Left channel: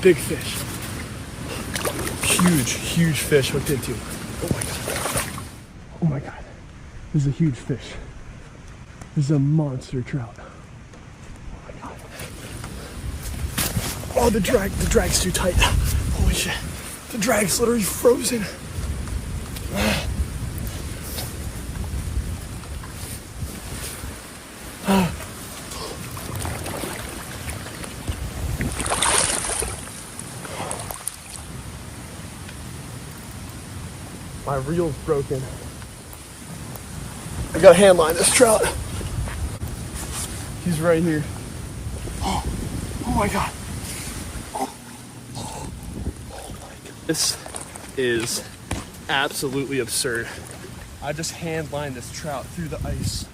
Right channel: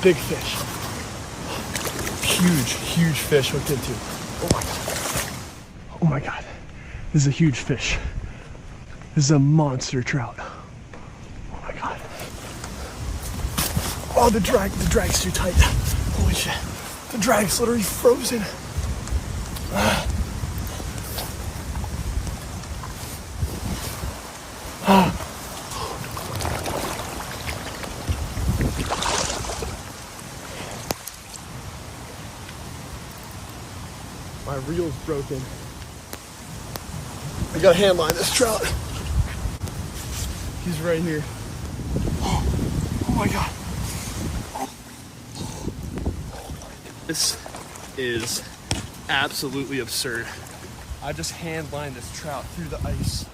Big fish. Huge, huge fish hooked into. Oh my God. Oh my God. This is a huge fish. This is a monster trout. Oh my God. Oh, the drag's too tight. Holy shit. The drag's literally frozen. Oh. My reel's broken. I gotta hand line this trout. He's right here. Oh my God. Oh my God. This is absolutely absurd. I just hand lined this trout through the ice.